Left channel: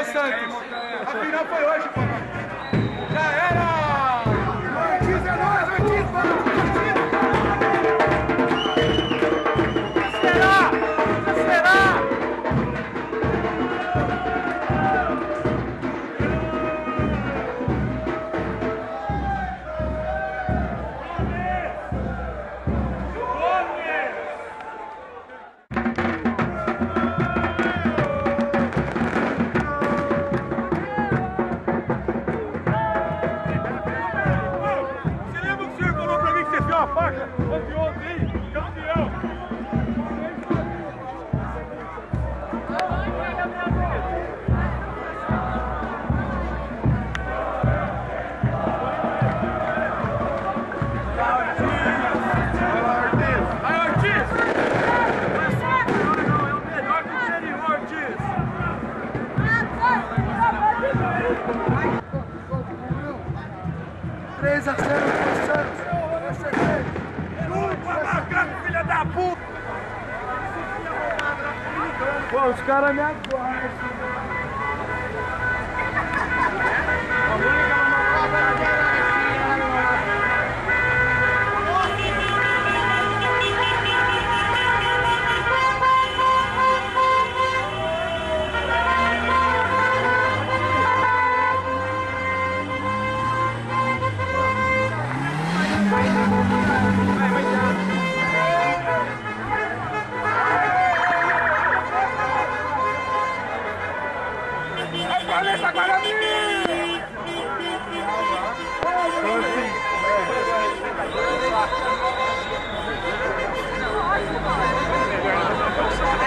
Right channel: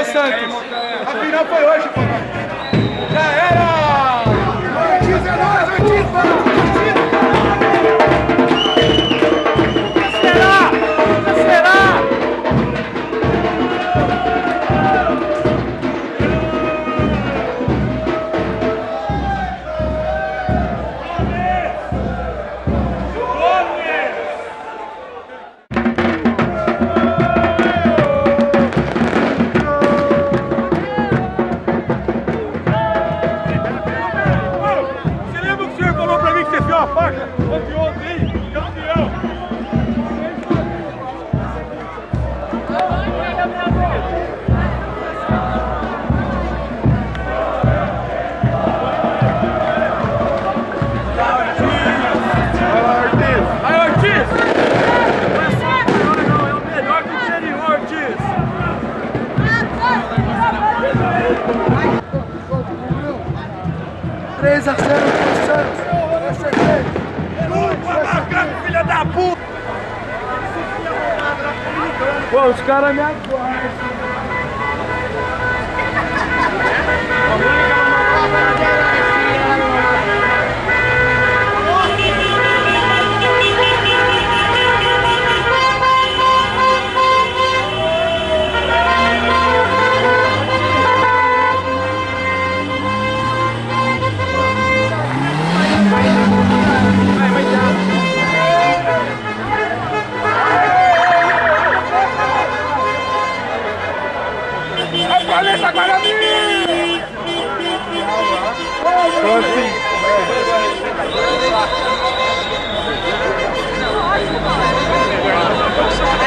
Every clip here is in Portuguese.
o Santos. A final foi hoje, pô. Já era! Ortiz é nóis, Ortiz, mano! Será? Será? Pô, os caras me aguardam. Planeta Guarani!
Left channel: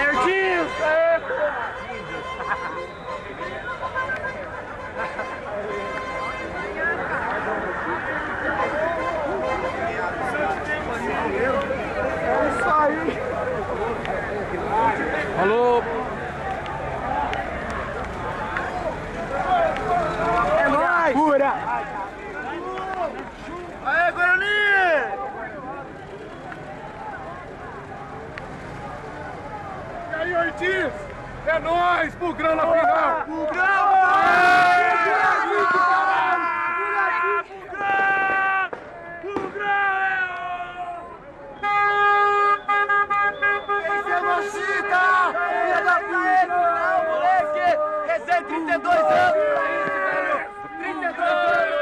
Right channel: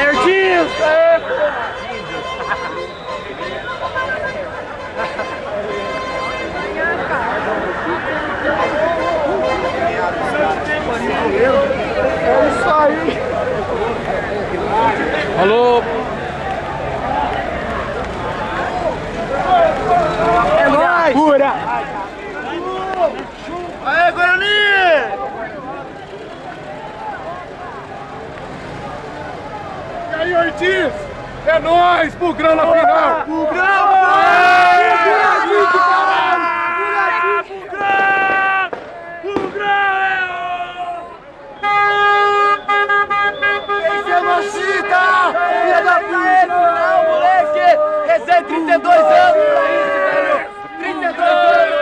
Ortiz! É isso aí! Alô! Pura! Aê, Guarani! E aí, Ortiz? É nóis! Bugrão na final! Bugrão! Tem genocida! Filha da puta! Não, moleque! Recém 32 anos pra isso, velho! 32 anos!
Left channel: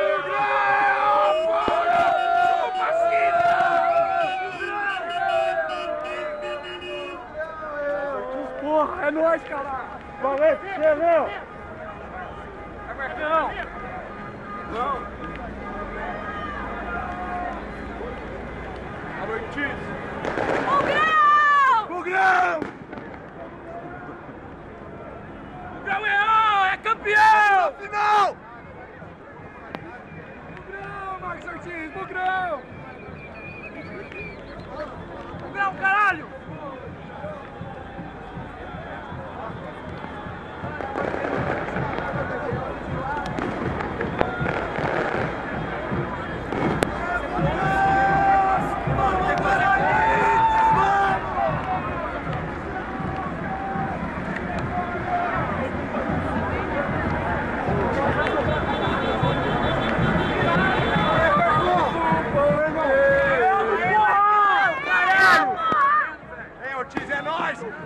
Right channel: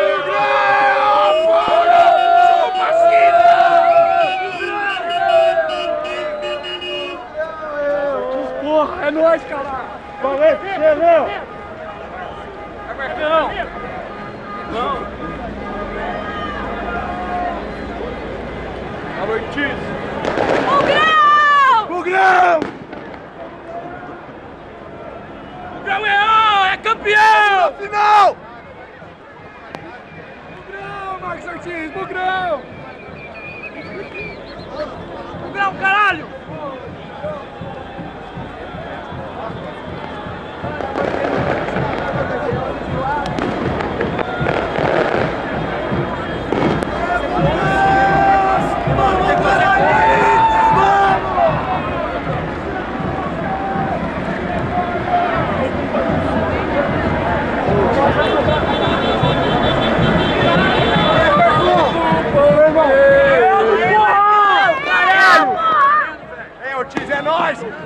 Porra, é nóis, cara! Valeu, Xerão! É Marcão! Não! Alô, Ortiz! Bugrão! Bugrão! Bugrão é campeão! Final! Bugrão, Marcos Ortiz! Bugrão! Bugrão, caralho!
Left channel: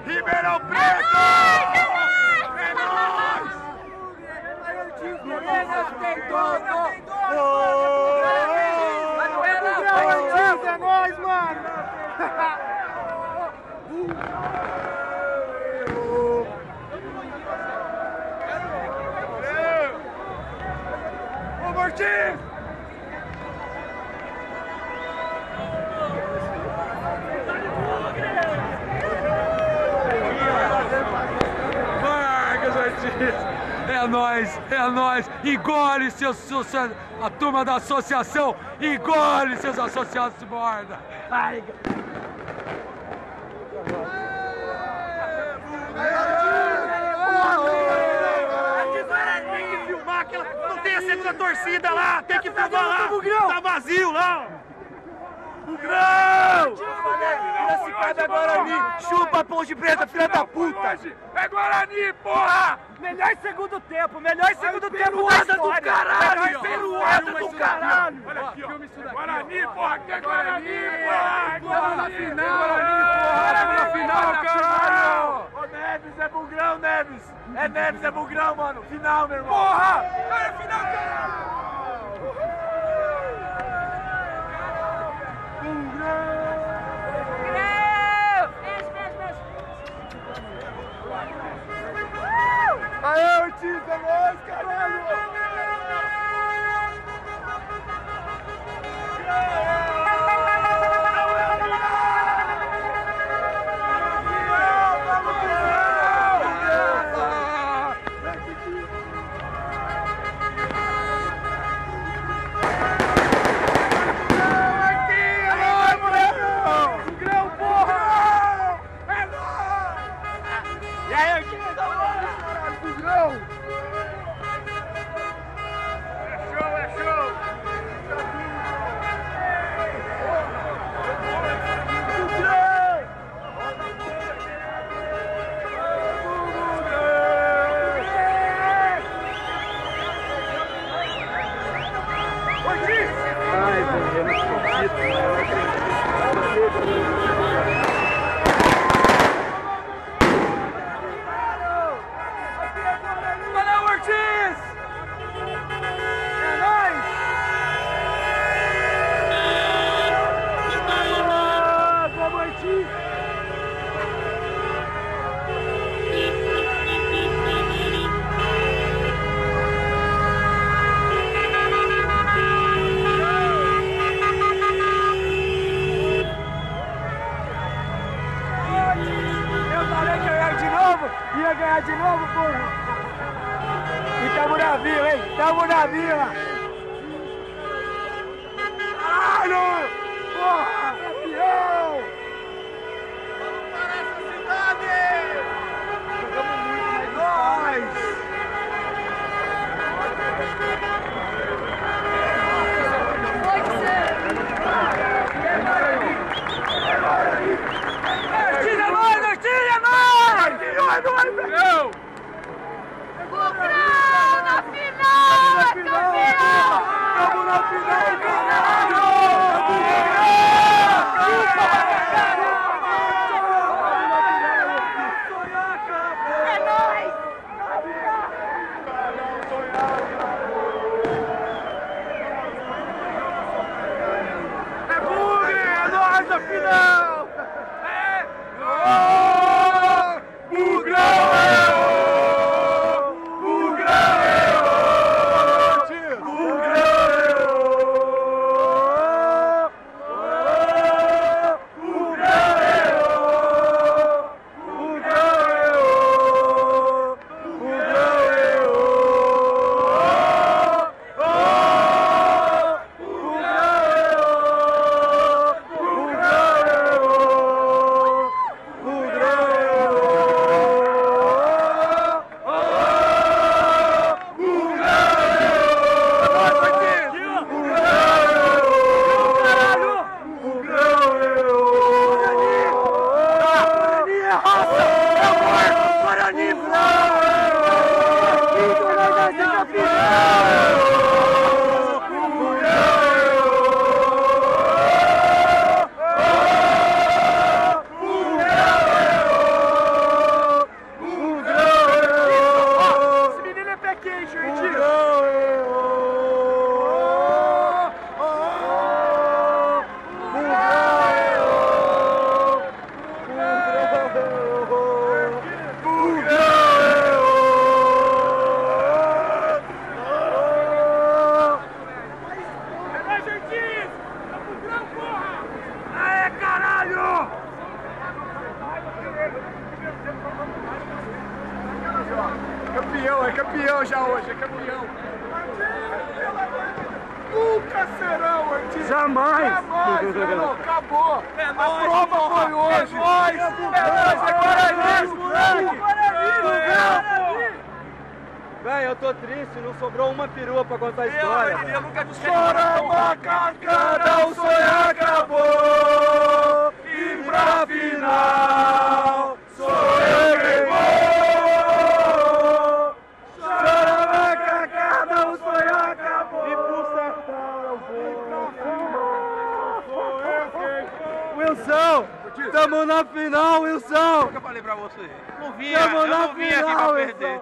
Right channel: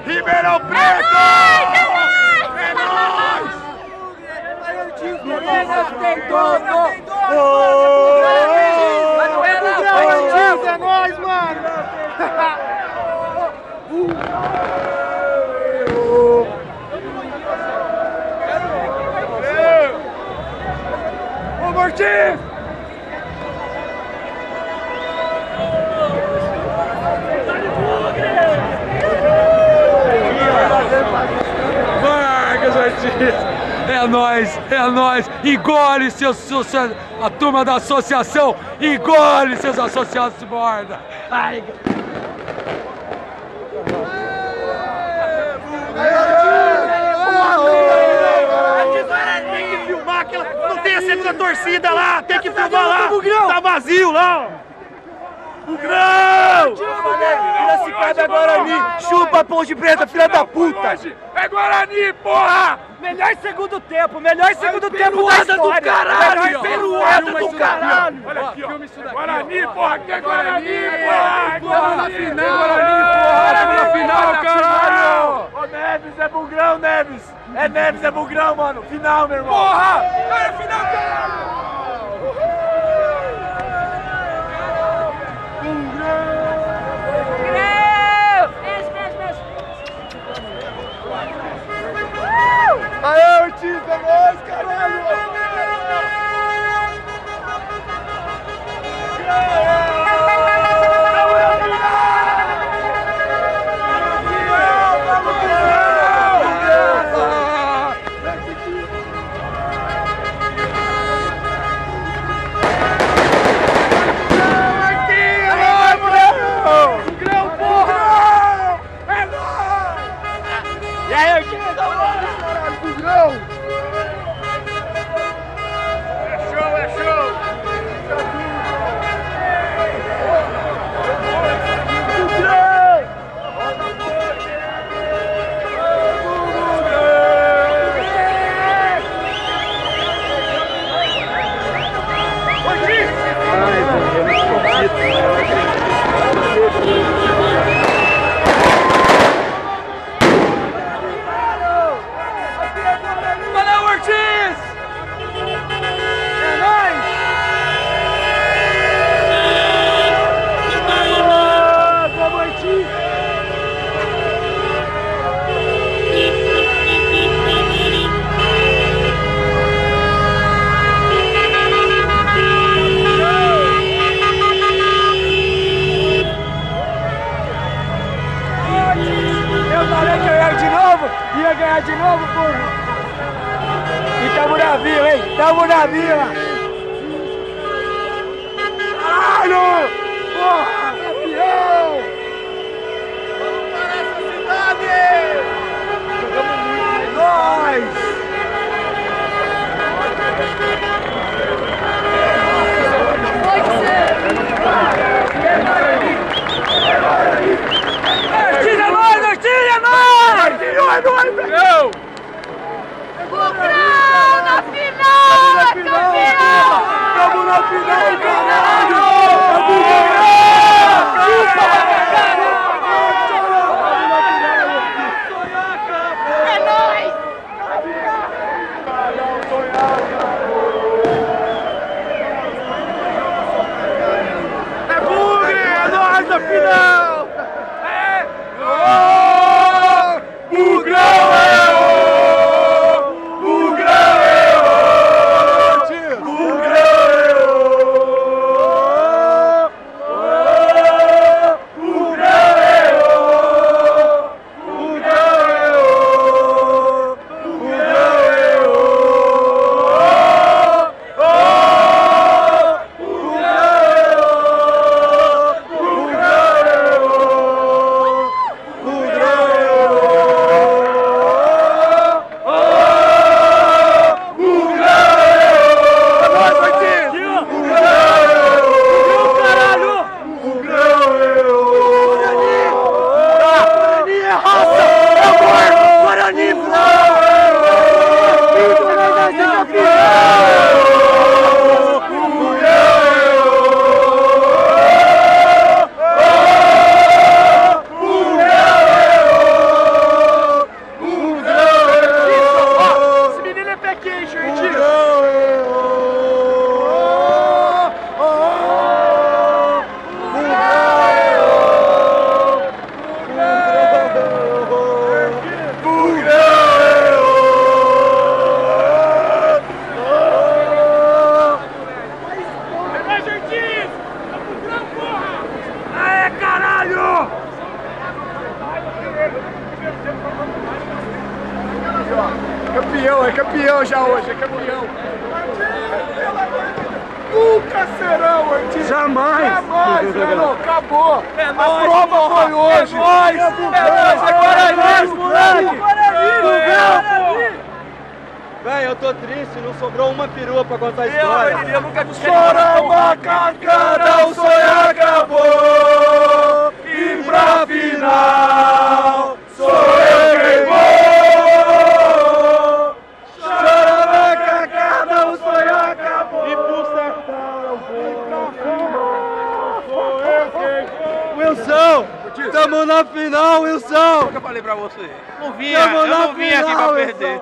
Ribeirão Preto! É nóis! Tem todo! É nóis, mano! Ô, Ortiz! É nóis, engole a turma da associação, engole seus associados de borda. Ai. Tem que filmar aquela, não tem a centro da torcida lá, tem que filmar lá, tá vazio lá. Bugrão! Piracicaba é Guarani! Chupa, Ponte Preta, filha da puta! É Guarani, porra! Melhor segundo tempo da história! Do caralho! Peruada do caralho! Olha aqui, ó! Guarani, porra! Que é Guarani, porra! Estamos na final! Guarani, porra! Estamos na final, caralho! Ô Neves, é Bugrão, Neves! É Neves, é Bugrão, mano! Final, meu irmão! Porra! É final, caralho! Aê, Ortiz, é nóis, caralho! Valeu, Ortiz! É nóis! Vamos, Ortiz! Eu falei que eu ia ganhar de novo, porra! E tamo na vila, hein? Tamo na vila! Caralho! Porra! Campeão! Vamos para essa cidade! Jogamos muito, nós! Campeão, é campeão já hoje, é campeão. Nunca serão, Ortiz. Jamais. Jamais, mano. Acabou. É nóis, a prova porra. foi hoje. É nóis. É Guarani, moleque. Véi, eu tô triste, não sobrou uma perua pra contar a história. Chora, macacada, o sonho acabou. Wilson! Estamos na final, Wilson! O que eu falei pra você? Eu não vim aqui pra perder.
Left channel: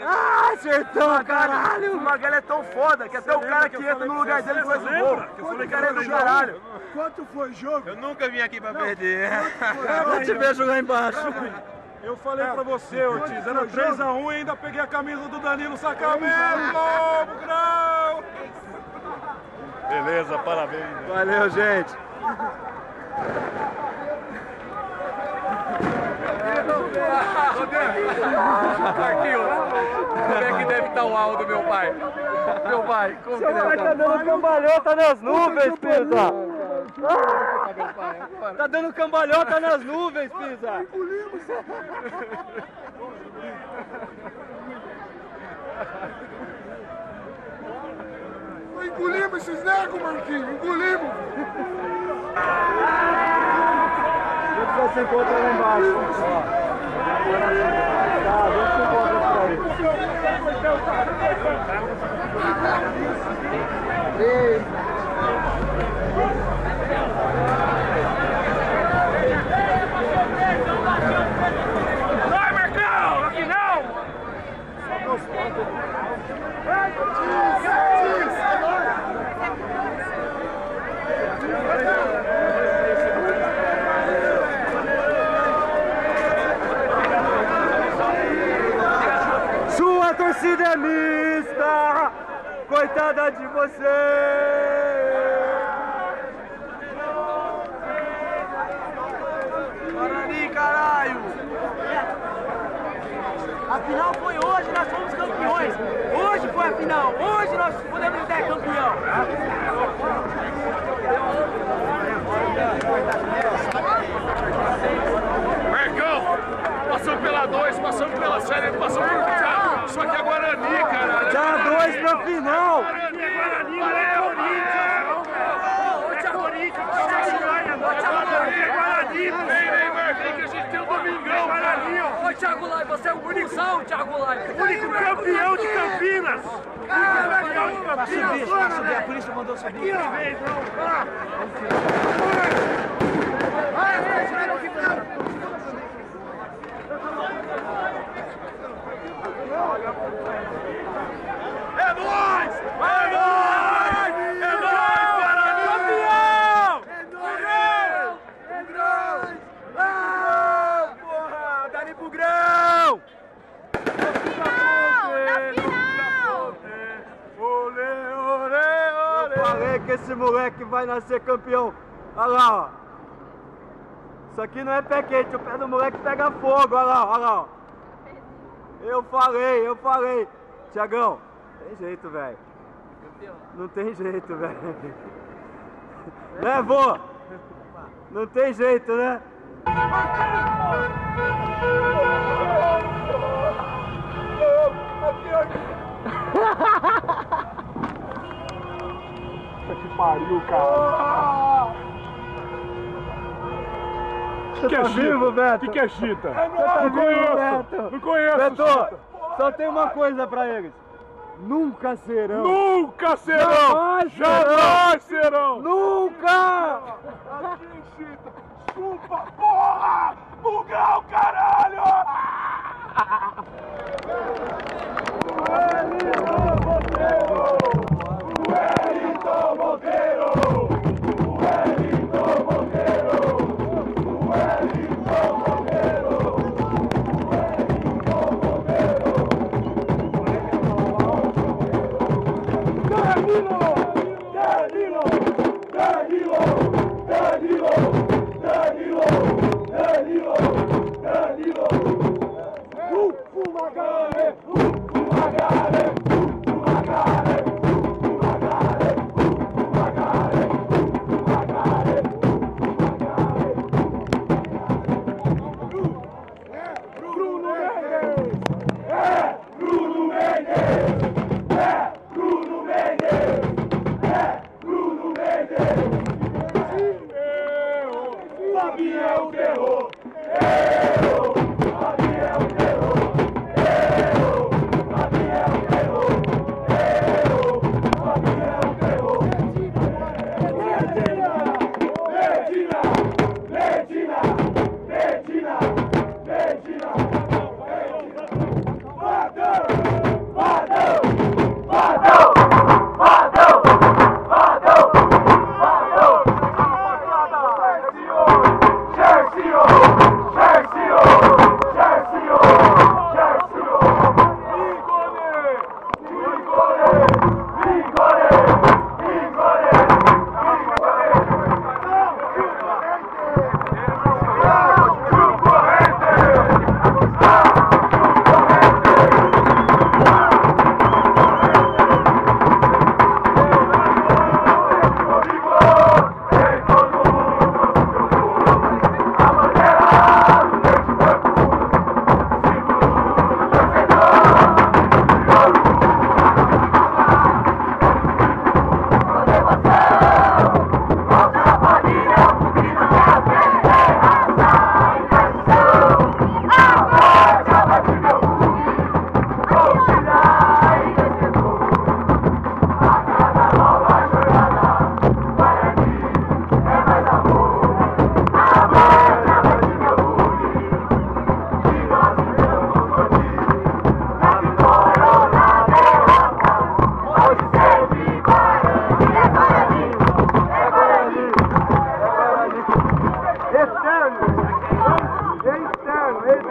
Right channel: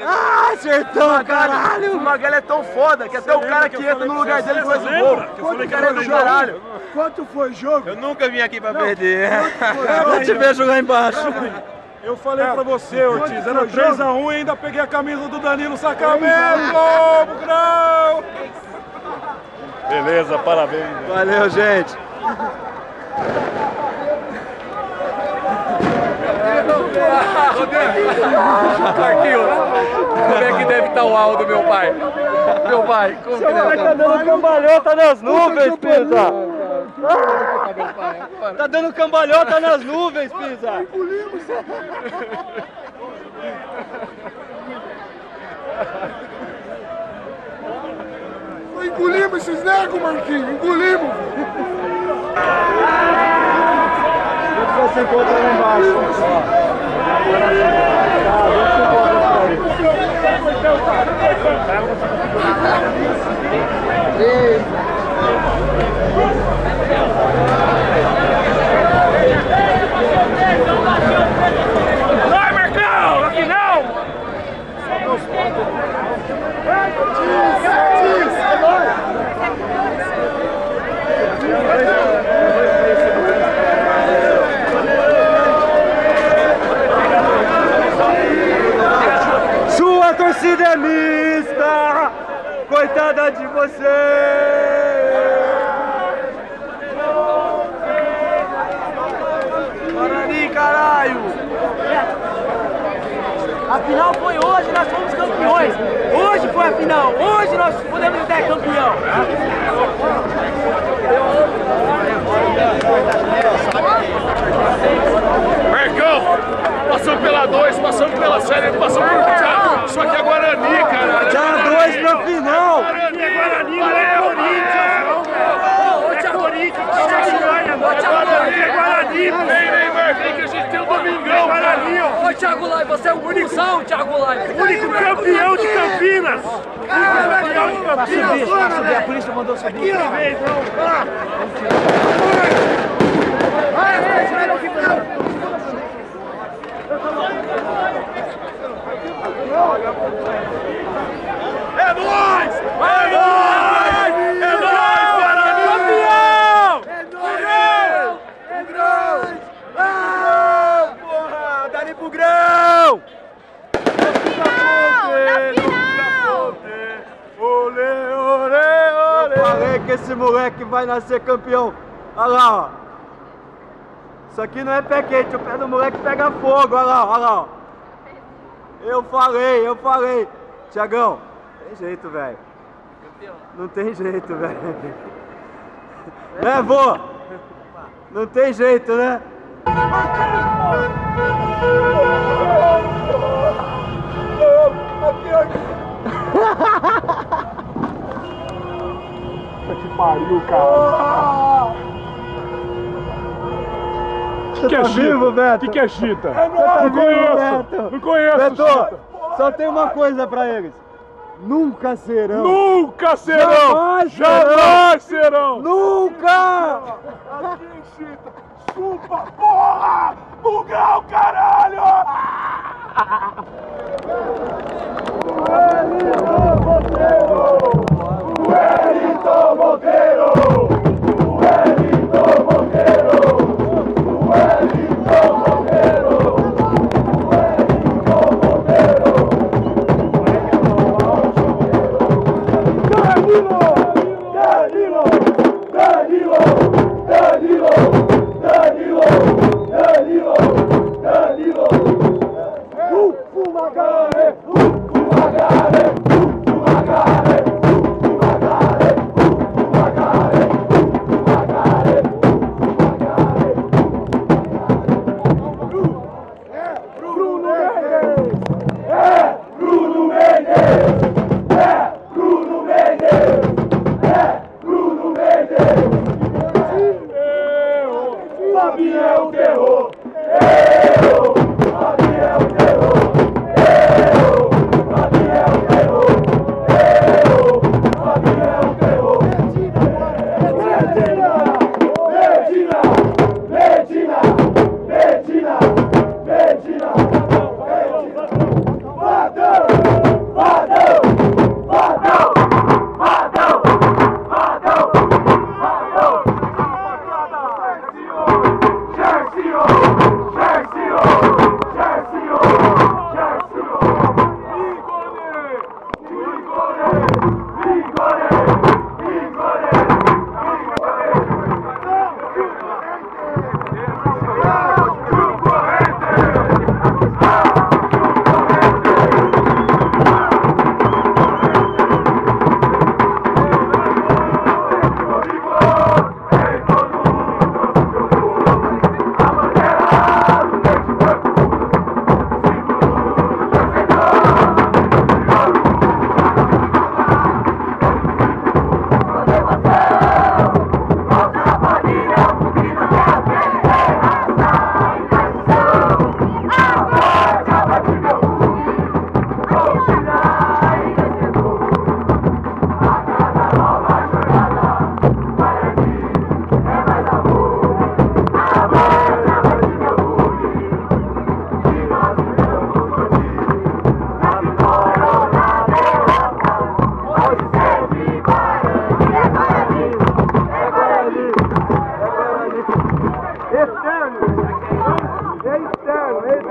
Ah, acertou, caralho! O Magalha é tão foda que até o cara que entra no lugar dele faz o gol. O cara é do caralho. Quanto foi o jogo? Eu nunca vim aqui pra perder. Eu te vejo lá embaixo. Eu falei pra você, Ortiz, era 3-1 e ainda peguei a camisa do Danilo Sacramento, Bugrão! Beleza, parabéns. Valeu, gente. Marquinhos, como é que deve estar o áudio do meu pai? Meu pai, como que deve estar? Tá dando cambalhota nas nuvens, Pisa! Tá dando cambalhota nas nuvens, Pisa! Engolimos esses negros, Marquinhos, engolimos! Você encontra lá embaixo. Vai, Marcão! Na final! Sua torcida é mista! Coitada de você! Guarani, caralho! A final foi hoje, nós fomos campeões! Hoje foi a final! Hoje nós podemos ser campeão! Marcão! Passamos pela 2, passamos pela série, passamos pelo Thiago. Isso aqui é Guarani, caralho! Já 2 pra final! Guarani, é Guarani, não é Corinthians! Hoje é Corinthians! Guarani, é Guarani! Vem, Marquinhos, que a gente tem o Domingão! Guarani, ó! Ô Thiago Lai, você é o único Thiago Lai! Único campeão de Campinas! Único campeão de Campinas! A polícia mandou subir! Aqui, ó! Vem, É nóis! É nóis! É nóis, Guarani! Campeão! É nóis! Ah, porra! Dali Bugrão! Eu falei que esse moleque vai nascer campeão. Olha lá, ó. Isso aqui não é pé quente, o pé do moleque pega fogo. Olha lá, olha lá. Ó. Eu falei. Tiagão, tem jeito, velho. Não tem jeito, velho. Né, vô? Não tem jeito, né? Que pariu, cara. Você tá vivo, Beto? O que é chita? Não conheço. Não conheço, Beto, chita. só tem uma coisa pra eles. Nunca serão. Nunca serão! Jamais serão! Nunca! Aqui, chita. Chupa, porra! Bugrão, caralho! Wellington Monteiro! Wellington Monteiro! Wellington Monteiro! Wellington Monteiro! Danilo! Danilo! Danilo! Danilo! Danilo! Danilo! Danilo!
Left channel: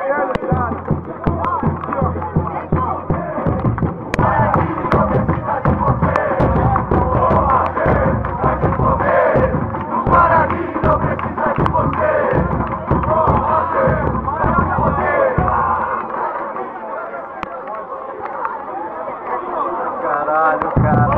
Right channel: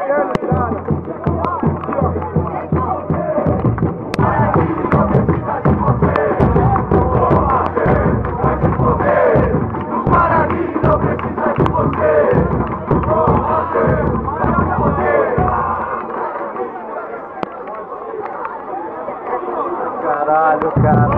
Caralho, cara.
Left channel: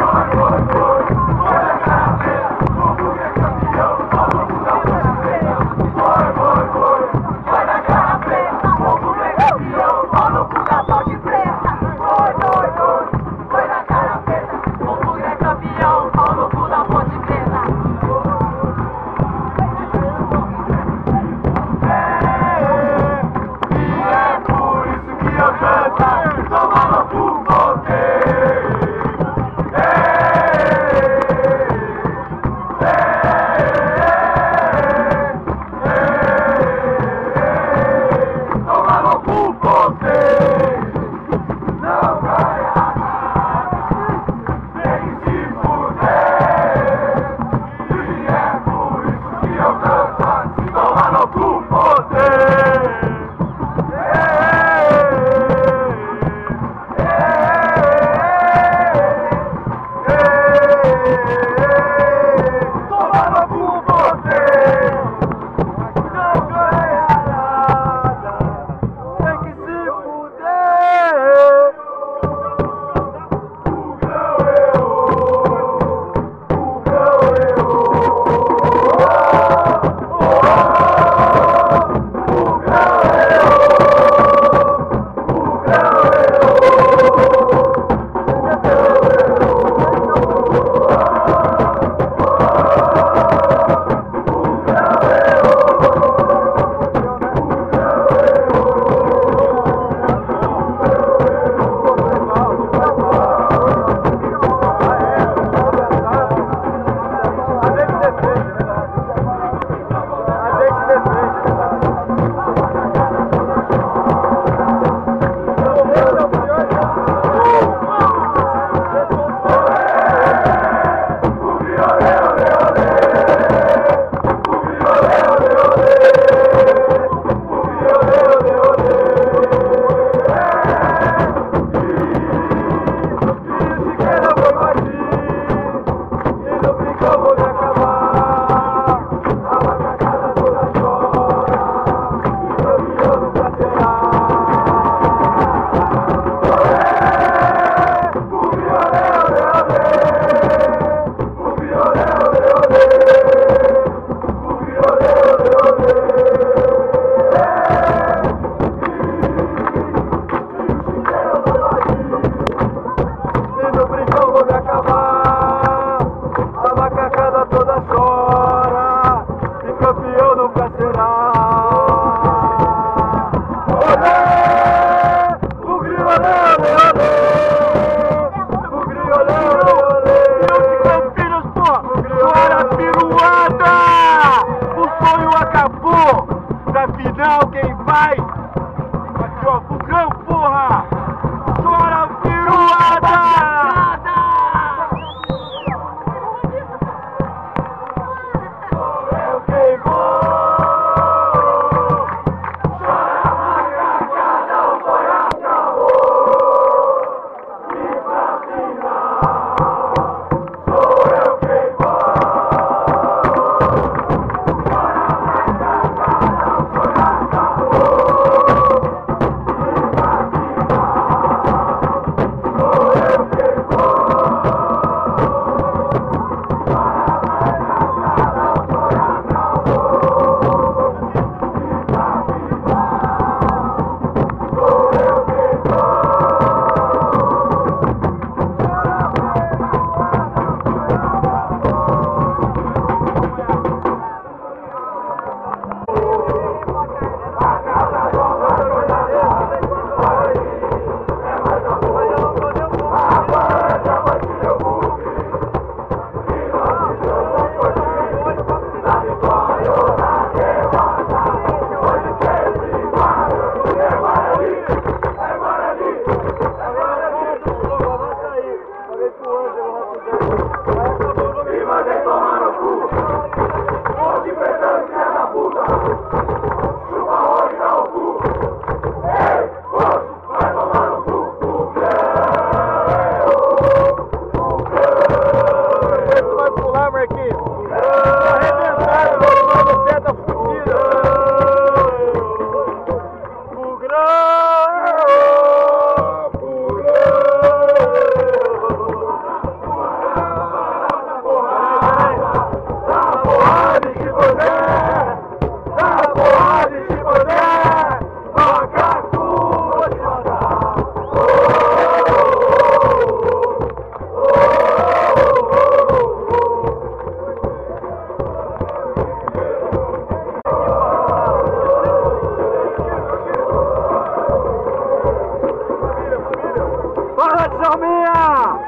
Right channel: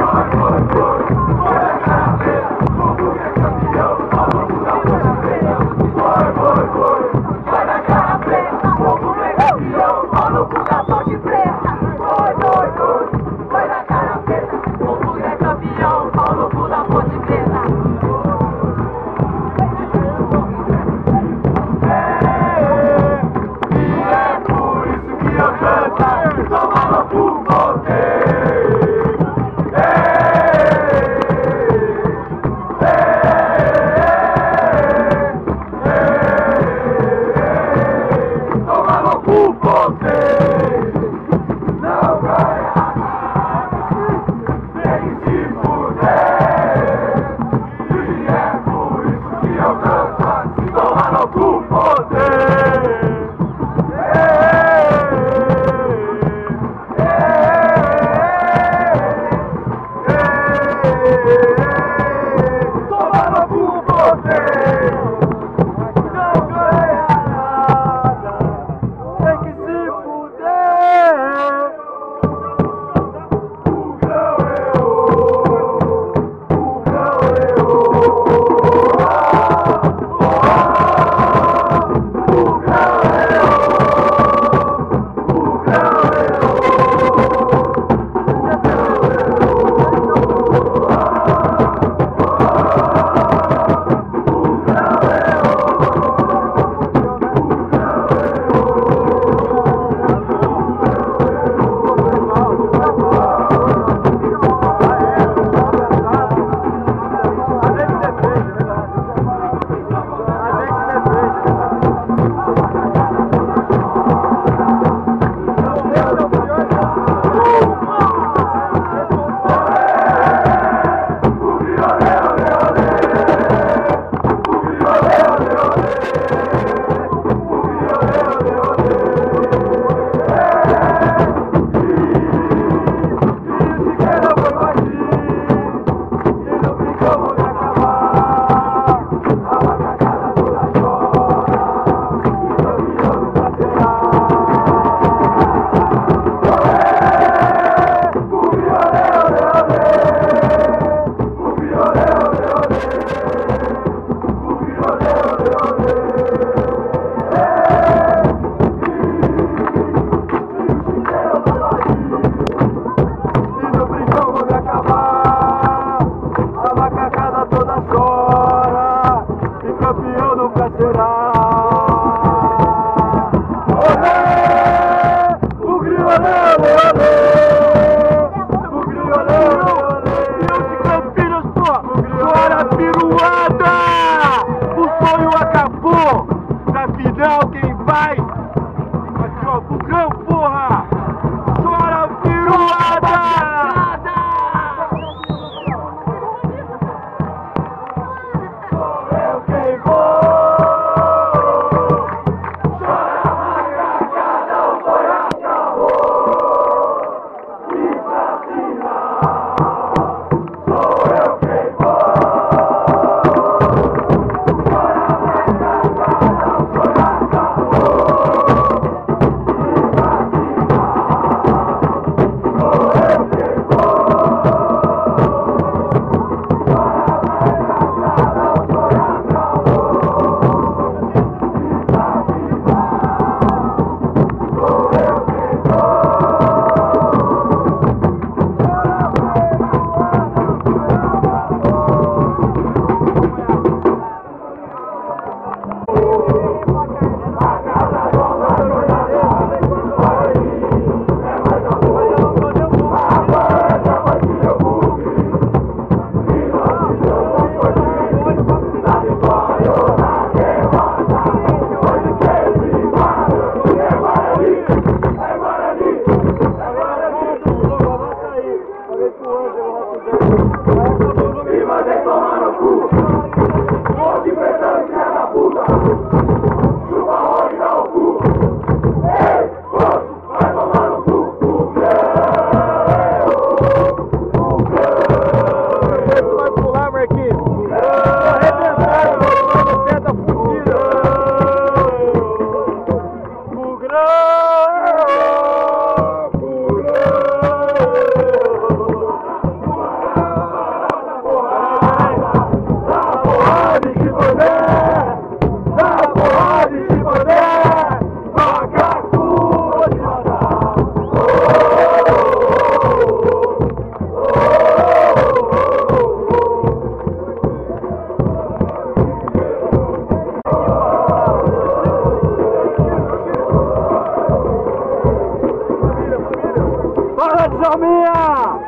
Djalminha!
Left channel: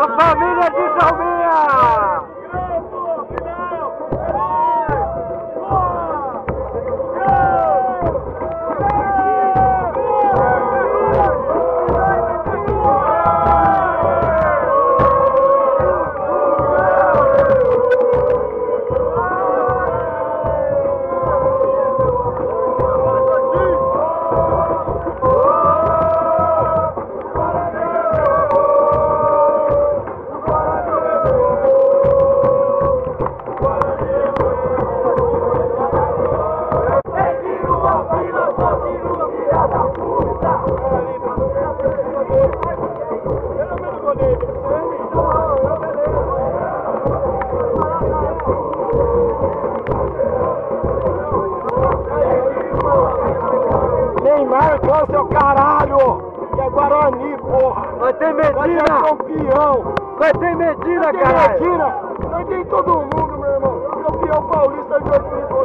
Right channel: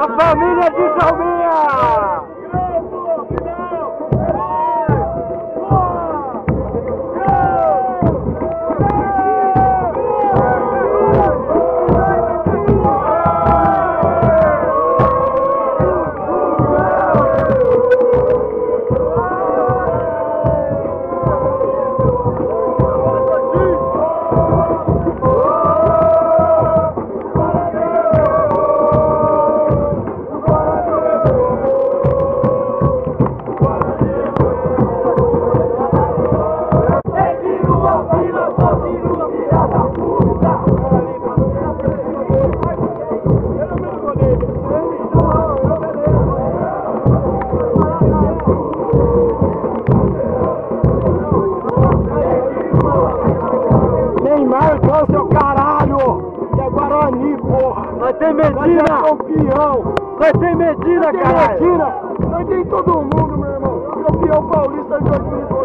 A família de Djalminha! Marcão, seu caralho! Que é Guarani, porra! Nós tem Medina! Nós é campeão! Nós tem Medina, caralho! Medina! Nós tem todo mundo, meu irmão! Campeão paulista de 2002!